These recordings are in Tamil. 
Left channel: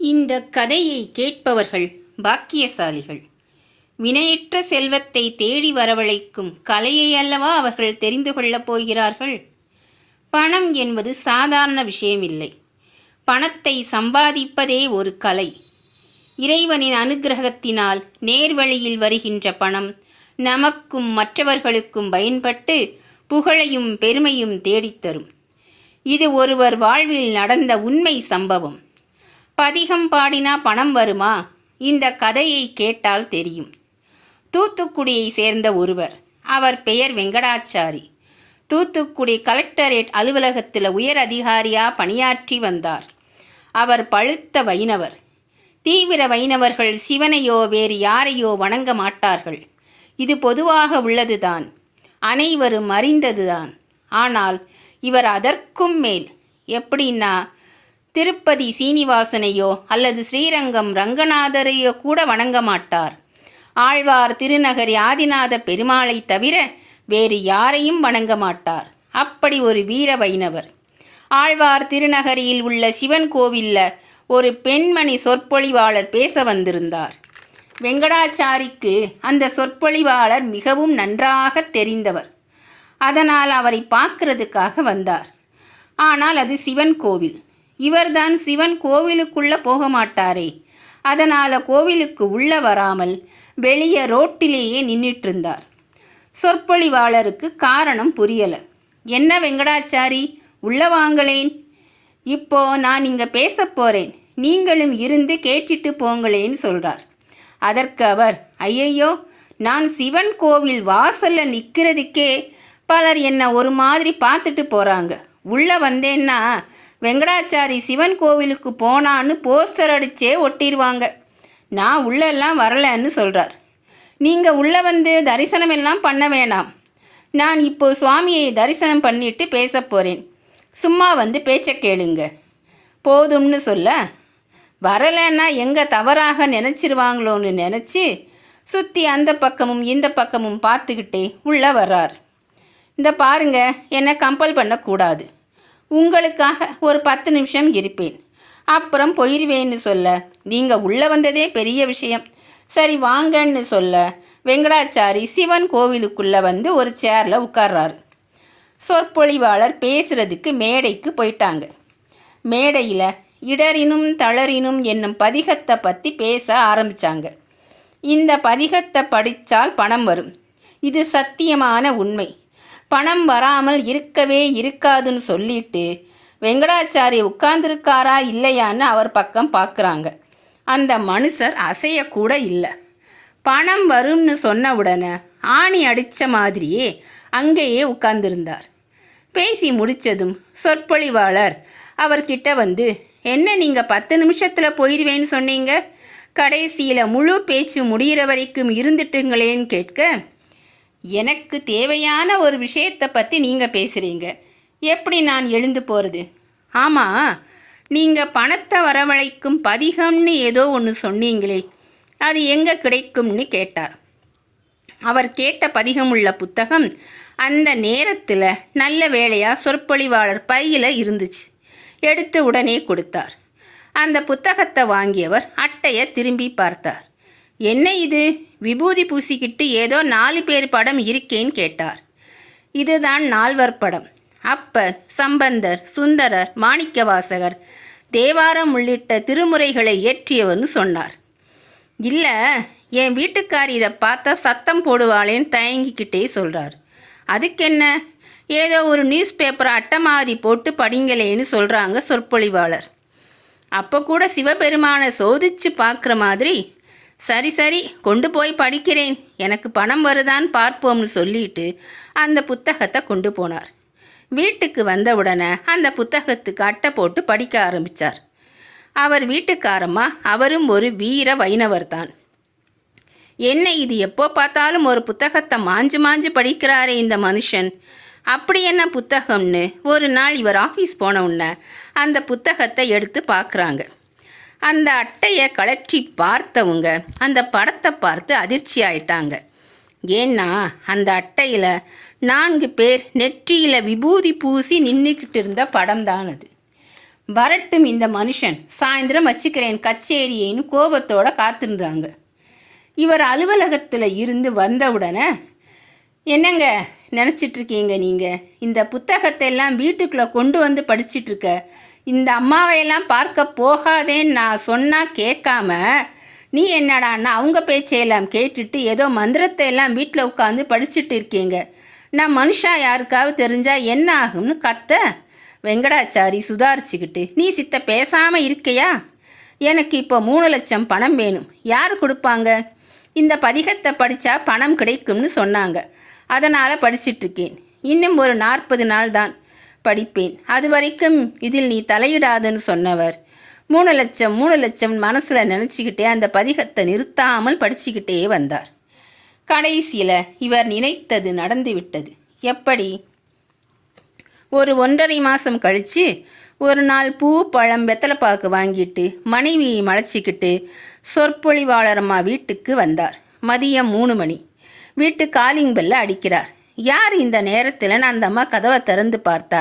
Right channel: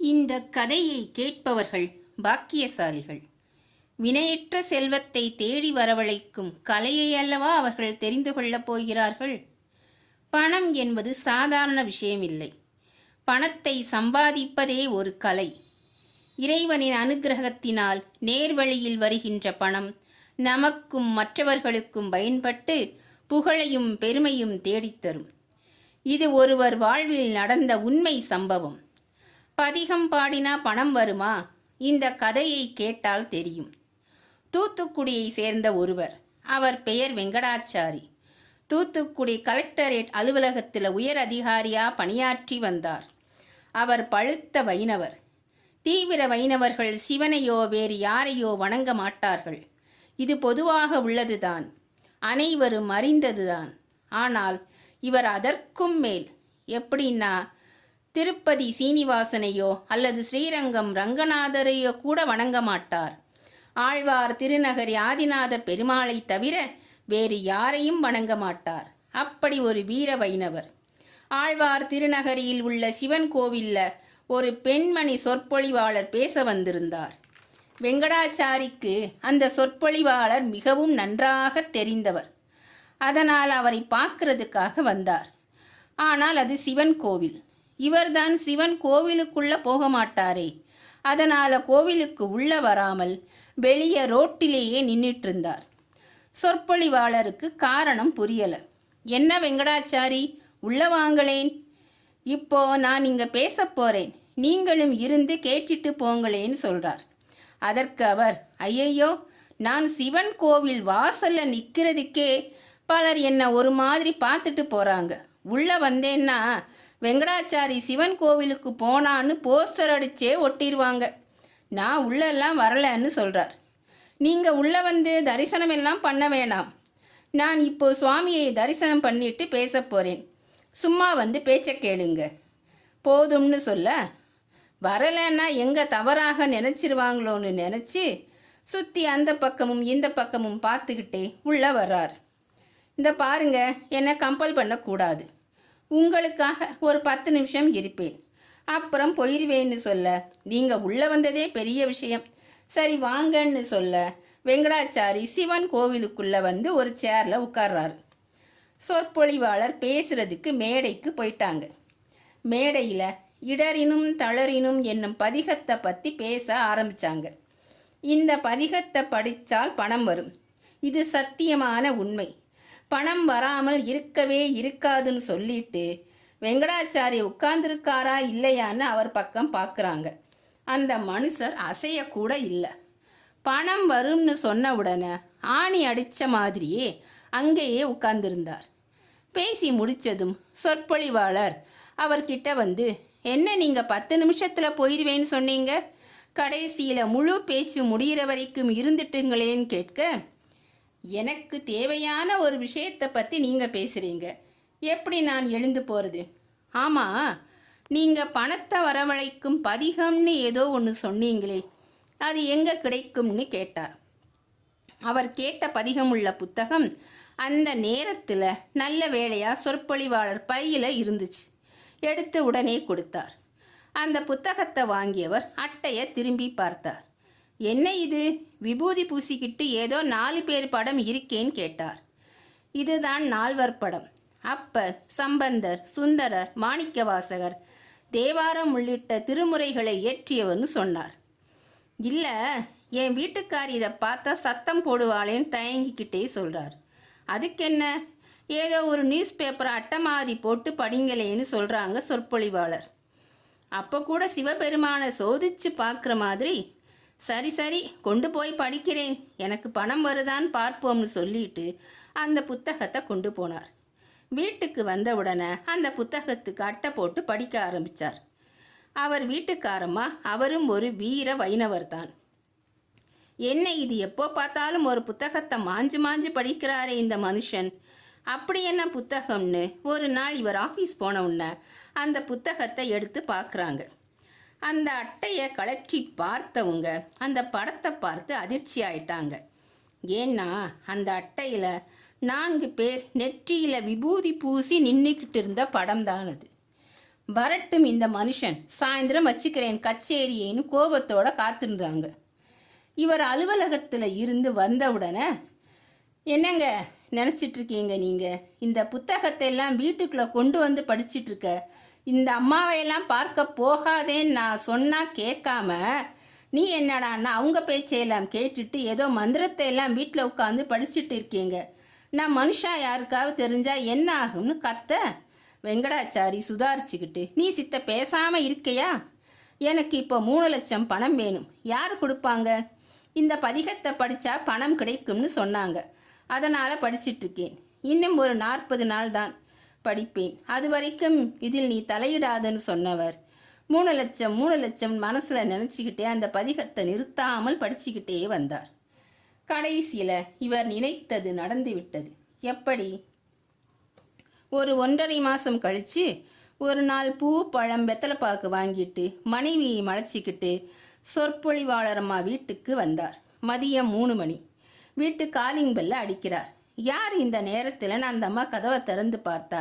இந்த கதையை கேட்பவர்கள் பாக்கியசாலிகள். வினையற்ற செல்வத்தை தேடி வரவழைக்கும் கலையை அல்லவா அவர்கள் தெரிந்து கொள்ளப் போகிறார்கள். பணம் என்பது சாதாரண விஷயமில்லை. பணத்தை சம்பாதிப்பதே ஒரு கலை. இறைவனின் அனுக்கிரகத்தினால் நேர்வழியில் வருகின்ற பணம் நமக்கும் மற்றவர்களுக்கும் பயன்பட்டு புகழையும் பெருமையும் தேடித்தரும். இது ஒருவர் வாழ்வில் நடந்த உண்மை சம்பவம். பதிகம் பாடினா பணம் வருமா? இந்த கதையை கேட்டால் தெரியும். தூத்துக்குடியை சேர்ந்த ஒருவர். அவர் பெயர் வெங்கடாச்சாரி. தூத்துக்குடி கலெக்டரேட் அலுவலகத்தில் உயர் அதிகாரியாக பணியாற்றி வந்தார். அவர் பழுத்த வைணவர். தீவிர வைணவர்கள் சிவனையோ வேறு யாரையோ வணங்க மாட்டார்கள். இது பொதுவாக உள்ளதுதான், அனைவரும் அறிந்ததுதான். ஆனால் இவர் அதற்கும் மேல். எப்படின்னா, திருப்பதி சீனிவாசனையோ அல்லது ஸ்ரீரங்கம் ரங்கநாதரையோ கூட வணங்க மாட்டார். ஆழ்வார் திருநகரி ஆதிநாத பெருமாளை தவிர வேறு யாரையும் வணங்க மாட்டார். அப்படி ஒரு வீர வைணவர். ஆழ்வார் திருநகரியில் உள்ள சிவன் கோவிலில் ஒரு பெண்மணி சொற்பொழிவாளர் பேச வந்திருந்தார். வெங்கடாச்சாரிக்கு அந்த சொற்பொழிவாளர் மிகவும் நன்றாக தெரிந்தவர். அதனால் அவரை பார்க்கறதுக்காக வந்தார். ஆனால் அது சிவன் கோவில். இவர்தான் சிவன் கோவிலுக்குள்ளே போக மாட்டாரே. அதனால் கோவிலுக்கு உள்ளே வராமல் வெளியே ரோட்டிலேயே நின்றுட்டு இருந்தார். சொற்பொழிவாளருக்கு காரணம் புரியலை. என்ன வெங்கடாச்சாரி, உள்ளே வாங்களேன், இப்போ நான் இங்கே பேச போகிறேன், நீங்களும் இருந்து கேட்டுட்டு போங்களேன்னு சொல்கிறார். அதற்கு அவர், ஐயையோ, நான் சிவன் கோவில் வாசலில் நிற்கிறதுக்கே பலர் என்னை ஒரு மாதிரி பார்த்துட்டு போகிறாங்க. உள்ளே வந்தேன்னா வெங்கடாச்சாரி சிவன் கோவிலுக்கு போனான்னு போஸ்டர் அடிச்சே ஒட்டிடுவாங்க. நான் உள்ளெல்லாம் வரலன்னு சொல்கிறார். நீங்கள் உள்ளே வந்து தரிசனம் எல்லாம் பண்ண வேணாம். நான் இப்போ சுவாமியை தரிசனம் பண்ணிட்டு பேச போகிறேன். சும்மா வந்து பேச்சை கேளுங்க போதும்னு சொல்ல, வரலைன்னா எங்கே தவறாக நினச்சிருவாங்களோன்னு நினச்சி சுற்றி அந்த பக்கமும் இந்த பக்கமும் பார்த்துக்கிட்டே உள்ளே வர்றார். இந்த பாருங்க, என்னை கம்பல் பண்ணக்கூடாது. உங்களுக்காக ஒரு 10 நிமிஷம் இருப்பேன், அப்புறம் போயிடுவேன்னு சொல்ல, நீங்கள் உள்ளே வந்ததே பெரிய விஷயம், சரி வாங்கன்னு சொல்ல, வெங்கடாச்சாரி சிவன் கோவிலுக்குள்ளே வந்து ஒரு சேரில் உட்கார்றாரு. சொற்பொழிவாளர் பேசுகிறதுக்கு மேடைக்கு போயிட்டாங்க. மேடையில் இடரினும் தளரினும் என்னும் பதிகத்தை பற்றி பேச ஆரம்பித்தாங்க. இந்த பதிகத்தை படித்தால் பணம் வரும், இது சத்தியமான உண்மை, பணம் வராமல் இருக்கவே இருக்காதுன்னு சொல்லிட்டு வெங்கடாச்சாரி உட்கார்ந்துருக்காரா இல்லையான்னு அவர் பக்கம் பார்க்குறாங்க. அந்த மனுஷர் அசையக்கூட இல்லை. பணம் வரும்னு சொன்ன உடனே ஆணி அடித்த மாதிரியே அங்கேயே உட்கார்ந்துருந்தார். பேசி முடித்ததும் சொற்பொழிவாளர் அவர்கிட்ட வந்து, என்ன நீங்கள் 10 நிமிஷத்தில் போயிடுவேன்னு சொன்னீங்க, கடைசியில் முழு பேச்சு முடிகிற வரைக்கும் இருந்துட்டுங்களேன்னு கேட்க, எனக்கு தேவையான ஒரு விஷயத்தை பற்றி நீங்கள் பேசுகிறீங்க, எப்படி நான் எழுந்து போகிறது? ஆமாம், நீங்கள் பணத்தை வரவழைக்கும் பதிகம்னு ஏதோ ஒன்று சொன்னீங்களே, அது எங்கே கிடைக்கும்னு கேட்டார். அவர் கேட்ட பதிகம் உள்ள புத்தகம் அந்த நேரத்தில் நல்ல வேளையாக சொற்பொழிவாளர் பையில் இருந்துச்சு. எடுத்து உடனே கொடுத்தார். அந்த புத்தகத்தை வாங்கியவர் அட்டையை திரும்பி பார்த்தார். என்ன இது, விபூதி பூசிக்கிட்டு ஏதோ 4 பேர் படம் இருக்கேன்னு கேட்டார். இதுதான் 4வர் படம். அப்பர், சம்பந்தர், சுந்தரர், மாணிக்கவாசகர், தேவாரம் உள்ளிட்ட திருமுறைகளை இயற்றியவன்னு சொன்னார். இல்லை, என் வீட்டுக்கார் இதை பார்த்தா சத்தம் போடுவாளேன்னு தயங்கிக்கிட்டே சொல்கிறார். அதுக்கென்ன, ஏதோ ஒரு நியூஸ் பேப்பரை அட்டை மாதிரி போட்டு படிங்களேன்னு சொல்கிறாங்க சொற்பொழிவாளர். அப்போ கூட சிவபெருமானை சோதிச்சு பார்க்குற மாதிரி, சரி சரி கொண்டு போய் படிக்கிறேன், எனக்கு பணம் வருதான்னு பார்ப்போம்னு சொல்லிட்டு அந்த புத்தகத்தை கொண்டு போனார். வீட்டுக்கு வந்தவுடனே அந்த புத்தகத்துக்கு அட்டை போட்டு படிக்க ஆரம்பித்தார். அவர் வீட்டுக்காரம்மா அவரும் ஒரு வீர வைணவர் தான். என்ன இது, எப்போ பார்த்தாலும் ஒரு புத்தகத்தை மாஞ்சு மாஞ்சு படிக்கிறாரே இந்த மனுஷன், அப்படி என்ன புத்தகம்னு ஒரு நாள் இவர் ஆஃபீஸ் போன உடனே அந்த புத்தகத்தை எடுத்து பார்க்குறாங்க. அந்த அட்டையை கழற்றி பார்த்தவங்க அந்த படத்தை பார்த்து அதிர்ச்சி ஆயிட்டாங்க. ஏன்னா அந்த அட்டையில் 4 பேர் நெற்றியில் விபூதி பூசி நின்றுக்கிட்டு இருந்த படம் தான் அது. வரட்டும் இந்த மனுஷன், சாயந்தரம் வச்சுக்கிறேன் கச்சேரியின்னு கோபத்தோட காத்திருந்தாங்க. இவர் அலுவலகத்தில் இருந்து வந்தவுடனே, என்னங்க நினச்சிட்ருக்கீங்க நீங்கள்? இந்த புத்தகத்தை எல்லாம் வீட்டுக்குள்ளே கொண்டு வந்து படிச்சிட்ருக்க இந்த அம்மாவையெல்லாம் பார்க்க போகாதேன்னு நான் சொன்னால் கேட்காம நீ என்னடான்னா அவங்க பேச்சையெல்லாம் கேட்டுட்டு ஏதோ மந்திரத்தை எல்லாம் வீட்டில் உட்காந்து படிச்சுட்டு இருக்கீங்க. நான் மனுஷா யாருக்காவது தெரிஞ்சால் என்ன ஆகும்னு கத்த வெங்கடாச்சாரி சுதாரிச்சுக்கிட்டு, நீ சித்த பேசாமல் இருக்கையா? எனக்கு இப்போ 3 லட்சம் பணம் வேணும். யார் கொடுப்பாங்க? இந்த பதிகத்தை படித்தா பணம் கிடைக்கும்னு சொன்னாங்க. அதனால் படிச்சிட்ருக்கேன். இன்னும் ஒரு 40 நாள் தான் படிப்பேன். அது வரைக்கும் இதில் நீ தலையிடாதுன்னு சொன்னவர் 3 லட்சம் 3 லட்சம் மனசில் நினச்சிக்கிட்டே அந்த பதிகத்தை நிறுத்தாமல் படிச்சுக்கிட்டே வந்தார். கடைசியில் இவர் நினைத்தது நடந்து விட்டது. எப்படி? ஒரு 1.5 மாதம் கழித்து ஒரு நாள் பூ பழம் வெத்தலைப்பாக்கு வாங்கிட்டு மனைவியை மலைச்சிக்கிட்டு சொற்பொழிவாளரம்மா வீட்டுக்கு வந்தார். மதியம் 3 மணி. வீட்டு காலிங் பெல்ல அடிக்கிறார். யார் இந்த நேரத்தில்? அந்த அம்மா கதவை திறந்து பார்த்தா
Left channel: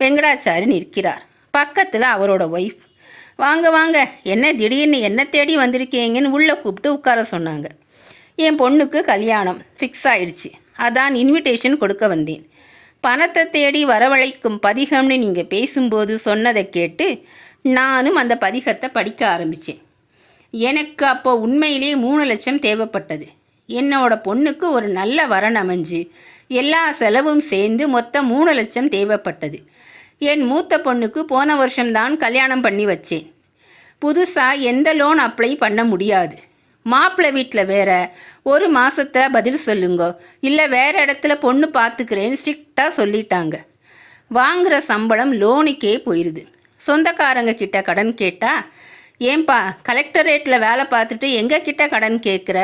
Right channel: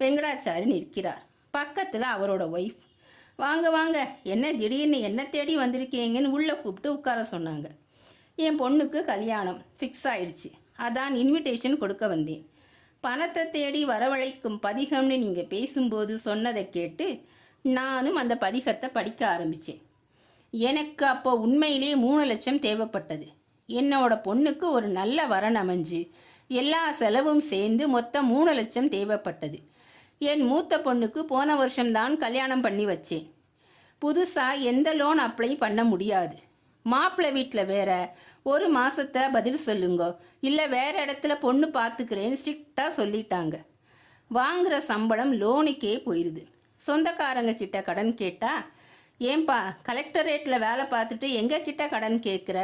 வெங்கடாச்சாரி நிற்கிறார். பக்கத்தில் அவரோட ஒய்ஃப். வாங்க வாங்க, என்ன திடீர்னு என்ன தேடி வந்திருக்கீங்கன்னு உள்ளே கூப்பிட்டு உட்கார சொன்னாங்க. என் பொண்ணுக்கு கல்யாணம் ஃபிக்ஸ் ஆயிடுச்சு, அதான் இன்விடேஷன் கொடுக்க வந்தேன். பணத்தை தேடி வரவழைக்கும் பதிகம்னு நீங்கள் பேசும்போது சொன்னதை கேட்டு நானும் அந்த பதிகத்தை படிக்க ஆரம்பித்தேன். எனக்கு அப்போ உண்மையிலே 3 லட்சம் தேவைப்பட்டது. என்னோட பொண்ணுக்கு ஒரு நல்ல வரன் அமைஞ்சு எல்லா செலவும் சேர்ந்து மொத்தம் 3 லட்சம் தேவைப்பட்டது. என் மூத்த பொண்ணுக்கு போன வருஷம்தான் கல்யாணம் பண்ணி வச்சேன். புதுசாக எந்த லோன் அப்ளை பண்ண முடியாது. மாப்பிள்ளை வீட்டில் வேற 1 மாதத்தில் பதில் சொல்லுங்க, இல்லை வேறு இடத்துல பொண்ணு பார்த்துக்கிறேன்னு ஸ்ட்ரிக்டாக சொல்லிட்டாங்க. வாங்குகிற சம்பளம் லோனுக்கே போயிடுது. சொந்தக்காரங்க கிட்ட கடன் கேட்டால், ஏன்பா கலெக்டரேட்டில் வேலை பார்த்துட்டு எங்கள் கிட்ட கடன் கேட்குற,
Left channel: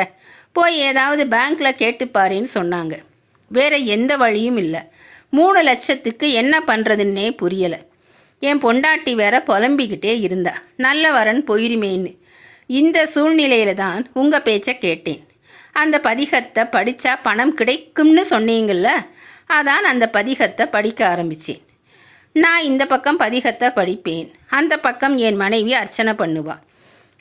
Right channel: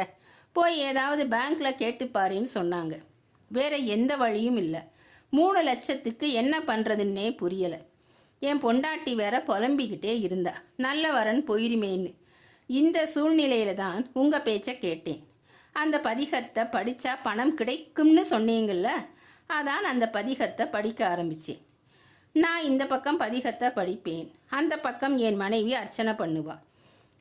போய் ஏதாவது பேங்க்கில் கேட்டுப்பாருன்னு சொன்னாங்க. வேறு எந்த வழியும் இல்லை. 3 லட்சத்துக்கு என்ன பண்ணுறதுன்னே புரியலை. என் பொண்டாட்டி வேற புலம்பிக்கிட்டே இருந்தா, நல்ல வரன் போயிருமேன்னு. இந்த சூழ்நிலையில தான் உங்கள் பேச்சை கேட்டேன். அந்த பதிகத்தை படித்தா பணம் கிடைக்கும்னு சொன்னீங்கள்ல, அதான் அந்த பதிகத்தை படிக்க ஆரம்பித்தேன். நான் இந்த பக்கம் பதிகத்தை படிப்பேன், அந்த பக்கம் என் மனைவி அர்ச்சனை பண்ணுவா.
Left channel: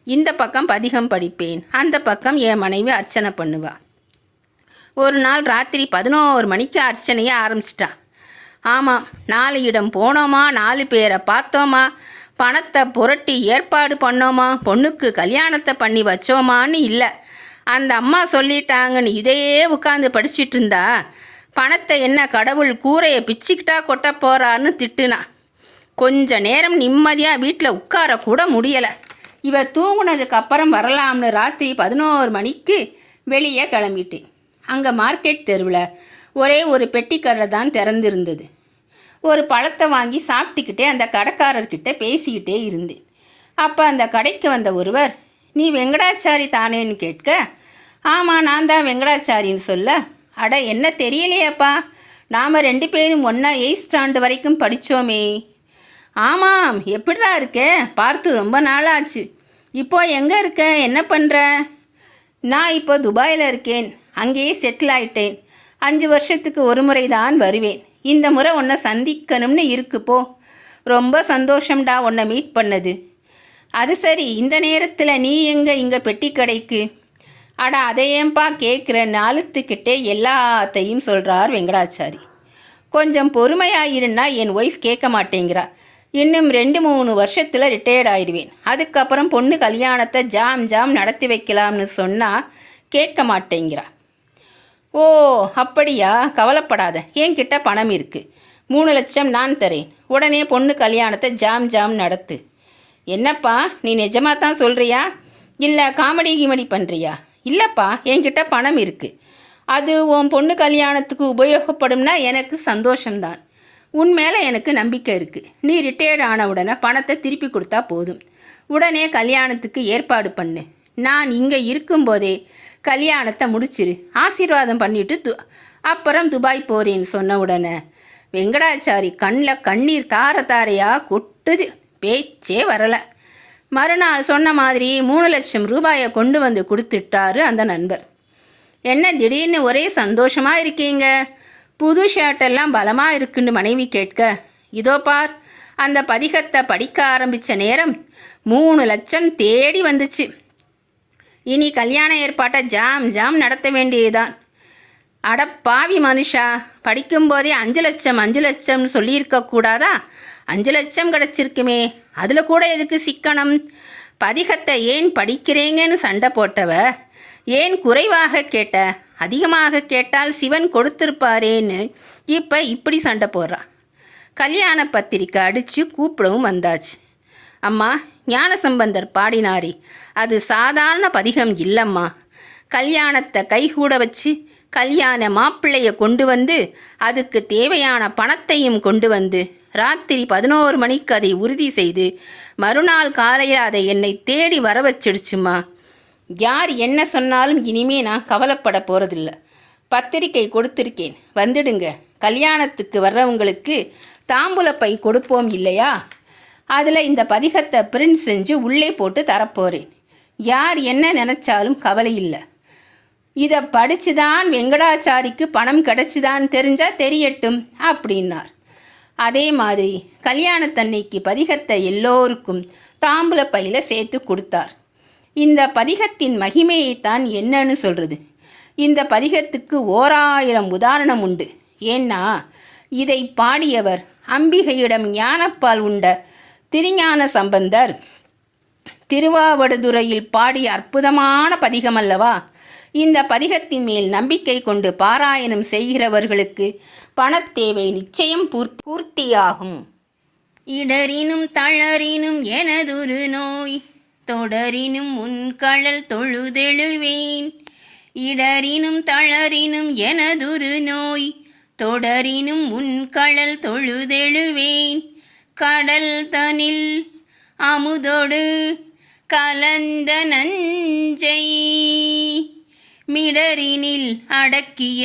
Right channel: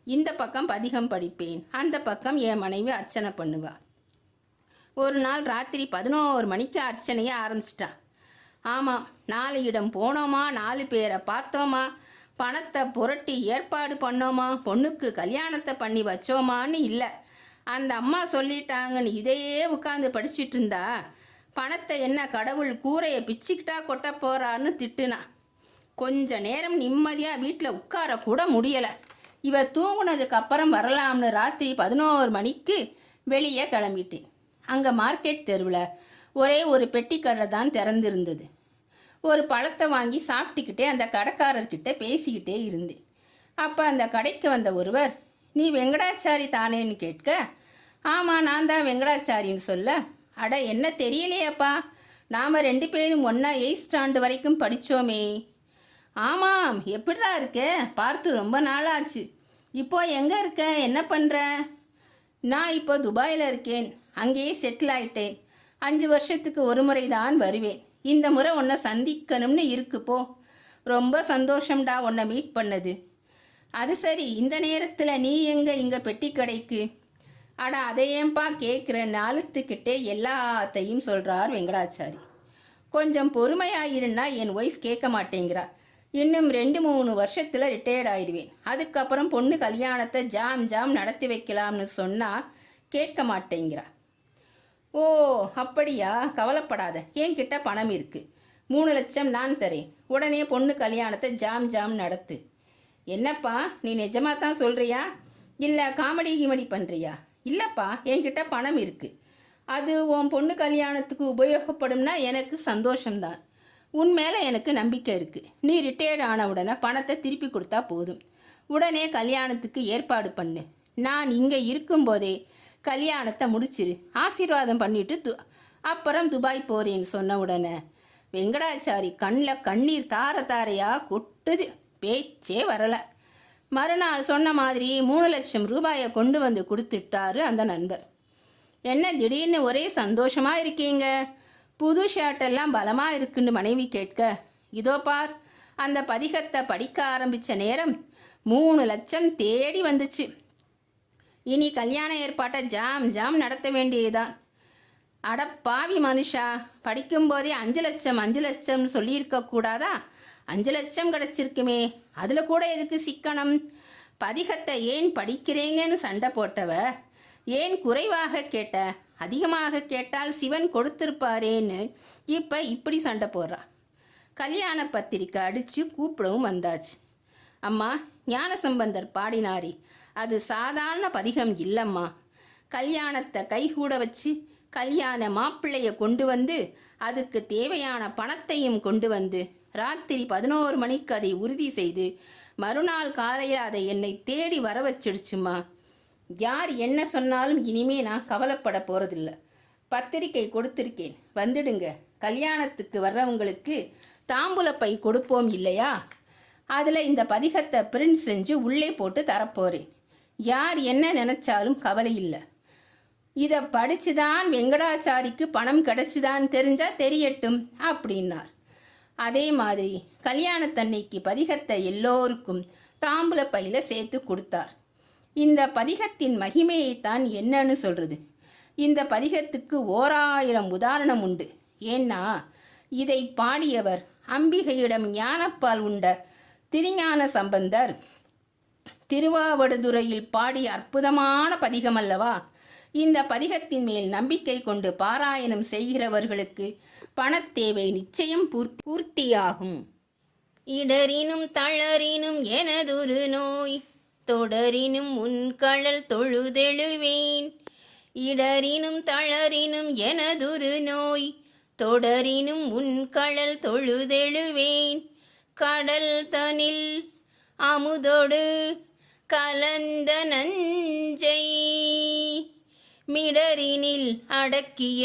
இந்த பக்கம் பதிகம் படிப்பேன், அந்த பக்கம் என் மனைவி அர்ச்சனை பண்ணுவா. ஒரு நாள் ராத்திரி 11 மணிக்கு அர்ச்சனையை ஆரம்பிச்சிட்டா. ஆமாம், 4 இடம் போனோமா, 4 பேரை பார்த்தோமா, பணத்தை புரட்டி ஏற்பாடு பண்ணோமா, பொண்ணுக்கு கல்யாணத்தை பண்ணி வச்சோமான்னு இல்லை. அந்த அம்மா சொல்லிட்டாங்கன்னு இதையே உட்காந்து படிச்சுட்டு இருந்தா, பணத்தை என்ன கடவுள் கூரையை பிச்சுக்கிட்டா கொட்ட போகிறான்னு திட்டுனா. கொஞ்ச நேரம் நிம்மதியாக வீட்டில் உட்காரக்கூட முடியலை. இவ தூங்குனதுக்கு அப்புறம் வரலாம்னு ராத்திரி 11 மணிக்கு வெளியே கிளம்பிட்டேன். அங்கே மார்க்கெட் தெருவில் ஒரே ஒரு பெட்டிக்கடை தான் திறந்திருந்தது. ஒரு பழத்தை வாங்கி சாப்பிட்டுக்கிட்டே அந்த கடைக்காரர்கிட்ட பேசிக்கிட்டே இருந்தேன். அப்போ அந்த கடைக்கு வந்த ஒருவர், நீ வெங்கடாச்சாரி தானேன்னு கேட்க, ஆமாம் நான் தான் வெங்கடாச்சாரின்னு சொல்ல, அட என்ன தெரியலையாப்பா, நாம் 2 பேரும் ஒன்றா 8th ஸ்டாண்ட் வரைக்கும் படித்தோமே. ஆமாம், எப்படிடா இருக்க, பார்த்து ரொம்ப நாளாச்சு. இப்போ எங்கே இருக்க, என்ன பண்ணுற? நான் இப்போ துபாயில் இருக்கேன், அங்கேயே செட்டில் ஆயிட்டேன். 5 வருஷத்துக்கு ஒரு முறை தான் வருவேன். இந்த முறை உன்னை சந்திக்கணும்னு இருக்கு போ. ரொம்ப சந்தோஷம்டா உன்னை மீட் பண்ணது. அது சரி, இந்த நேரத்தில் நீ எங்கே இங்கே பெட்டி கடைக்கு? அட அதையேன்பா கேட்குறேன்னு அழுத்துக்கிட்டே எல்லாத்தையும் சொல்கிறார் வெங்கடாச்சாரி. கொஞ்சம் பொறுமையாயிருன்னா என் ஒய்ஃப் கேட்க மாட்டேங்கிறா. இன்னும் 2-3 வருஷத்தில் ரிட்டையர்ட் ஆயிடுவேன். அதுக்கப்புறம் பொண்ணு கல்யாணத்தை ஜாம் நடத்தி வைக்கலாம்னு சொன்னால் கேட்க மாட்டேங்கிறா. ஓ அப்படியா, கவலைப்படாத, என்கிட்ட பணம் இருக்குது. 3 லட்சம் நான் தரேன். உடனே பொண்ணு கல்யாணத்தை ஜாம் நடத்து. என்னப்பா நீ நிஜமாக தான் சொல்கிறியா, இல்லை காமெடி கிமெடி பண்ணுறியா? இல்லைப்பா, என்கிட்ட பணம் இருக்குது. அது உன் பொண்ணு கல்யாணத்துக்கு உபயோகப்படும்னா எனக்கு சந்தோஷம்தான். உன் மேலே எனக்கு நம்பிக்கை இருக்குது. நீ ரிட்டையர்ட் ஆன உடனே பணத்தை திருப்பி கொடுத்தா போதும். உடனே கல்யாணத்துக்கு ஏற்பாடு பண்ணு. நான் இங்கே இருக்கும்போதே கல்யாணத்தை முடிச்சிரு, ஆசீர்வாதம் பண்ணிவிட்டு அப்புறம் துபாய் போகிறேன்னு சொன்ன உடனே வெங்கடாச்சாரி கண்ணில் கண்ணீர் தாரையாக கொட்டுது. பேச்சே வரலை. மறுநாள் சொன்ன மாதிரி 3 லட்சம் ரூபாயை கொண்டு வந்து கொடுத்துட்டாரு அந்த நண்பர். என்ன திடீர்னு ஒரே சந்தோஷமாக இருக்கீங்க, புது ஷர்ட்டெல்லாம் பலமாக இருக்குன்னு மனைவி கேட்க, இதோ பார் அந்த பதிகத்தை படிக்க ஆரம்பித்த நேரம் 3 லட்சம் தேடி வந்துச்சு. இனி கல்யாண ஏற்பாட்டை ஜாம் ஜாம் நடத்த வேண்டியதுதான். அடப்பாவி மனுஷா, படிக்கும்போதே 5 லட்சம் 5 லட்சம்னு சொல்லியிருக்கக்கூடாதா? 5 லட்சம் கிடச்சிருக்குமே, அதில் கூட எதுக்கு சிக்கனம்? பதிகத்தை ஏன் படிக்கிறேங்கன்னு சண்டை போட்டவ ஏன் குறைவாக கேட்ட? அதிகமாக கேட்டால் சிவன் கொடுத்துருப்பாரேன்னு இப்போ இப்படி சண்டை போடுறா. கல்யாண பத்திரிக்கை அடித்து கூப்பிடவும் வந்தாச்சு. அம்மா, ஞானசம்பந்தர் பாடினாரே, அது சாதாரண பதிகம் இல்லைம்மா. கல்யாணத்தை கைகூட வச்சு கல்யாண மாப்பிள்ளையை கொண்டு வந்து அதுக்கு தேவையான பணத்தையும் கொண்டு வந்து ராத்திரி 11 மணிக்கு அதை உறுதி செய்து மறுநாள் காலையில் அதை என்னை தேடி வர வச்சிடுச்சுமா. யார் என்ன சொன்னாலும் இனிமே நான் கவலைப்பட போகிறதில்ல. பத்திரிக்கை கொடுத்துருக்கேன், வந்துடுங்க. கல்யாணத்துக்கு வர்றவங்களுக்கு தாம்பூலப்பை கொடுப்போம் இல்லையா, அதில் இந்த பதிகத்தை பிரிண்ட் செஞ்சு உள்ளே போட்டு தரப்போகிறேன். யார் என்ன நினச்சாலும் கவலை இல்லை. இதை படிச்சுதான் வெங்கடாச்சாரிக்கு பணம் கிடச்சிதான் தெரிஞ்சால் தெரியட்டும் அப்படின்னார். அதே மாதிரி கல்யாணத்தன்னைக்கு பதிகத்தை எல்லோருக்கும் தாம்பூல பையில் சேர்த்து கொடுத்தார். இந்த பதிகத்தின் மகிமையைத்தான் என்னன்னு சொல்கிறது. இந்த பதிகத்துக்கு 1000 உதாரணம் உண்டு. ஏன்னா இதை பாடியவர் அம்பிகையிடம் ஞானப்பால் உண்ட திருஞான சம்பந்தர் திருவாவடுதுறையில் பாடிய அற்புதமான பதிகம் அல்லவா. இந்த பதிகத்தின் மேல் நம்பிக்கை கொண்டு பாராயணம் செய்கிறவர்களுக்கு பணத்தேவை நிச்சயம் பூர்த்தியாகும். இடரினும் தளரினும் எனதொரு நோய் தொடரினும் உன்கழல் தொழுதெழுவேன். இடரினும் தளரினும் எனதொரு நோய் தொடரினும் உன்கழல் தொழுதெழுவேன். கடல் தனில் அமுதொடு கலந்த நஞ்சை மிடரினில் அடக்கிய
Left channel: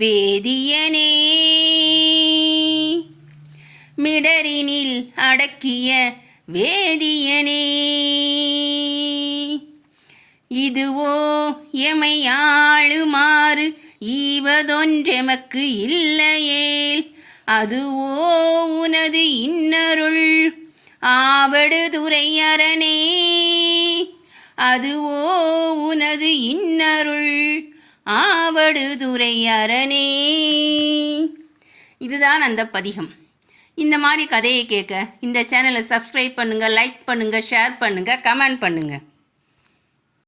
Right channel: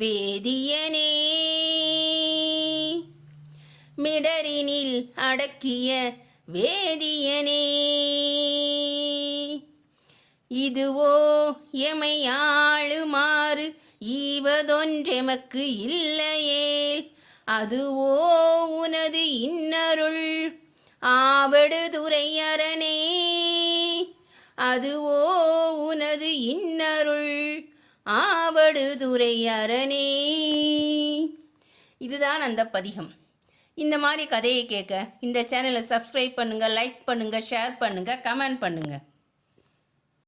வேதியனே. மிடரினில் அடக்கிய வேதியனே. இதுவோ எமையாளுமாறு ஈவதொன்றெமக்கு இல்லையேல் அதுவோ உனது இன்னருள் ஆவடுதுறை அரணே. அதுவோ உனது இன்னருள் ஆவடுதுறை அரணே. இதுதான் அந்த பதிகம். இந்த மாதிரி கதையை கேட்க இந்த சேனலை சப்ஸ்கிரைப் பண்ணுங்கள், லைக் பண்ணுங்கள், ஷேர் பண்ணுங்கள், கமெண்ட் பண்ணுங்கள்.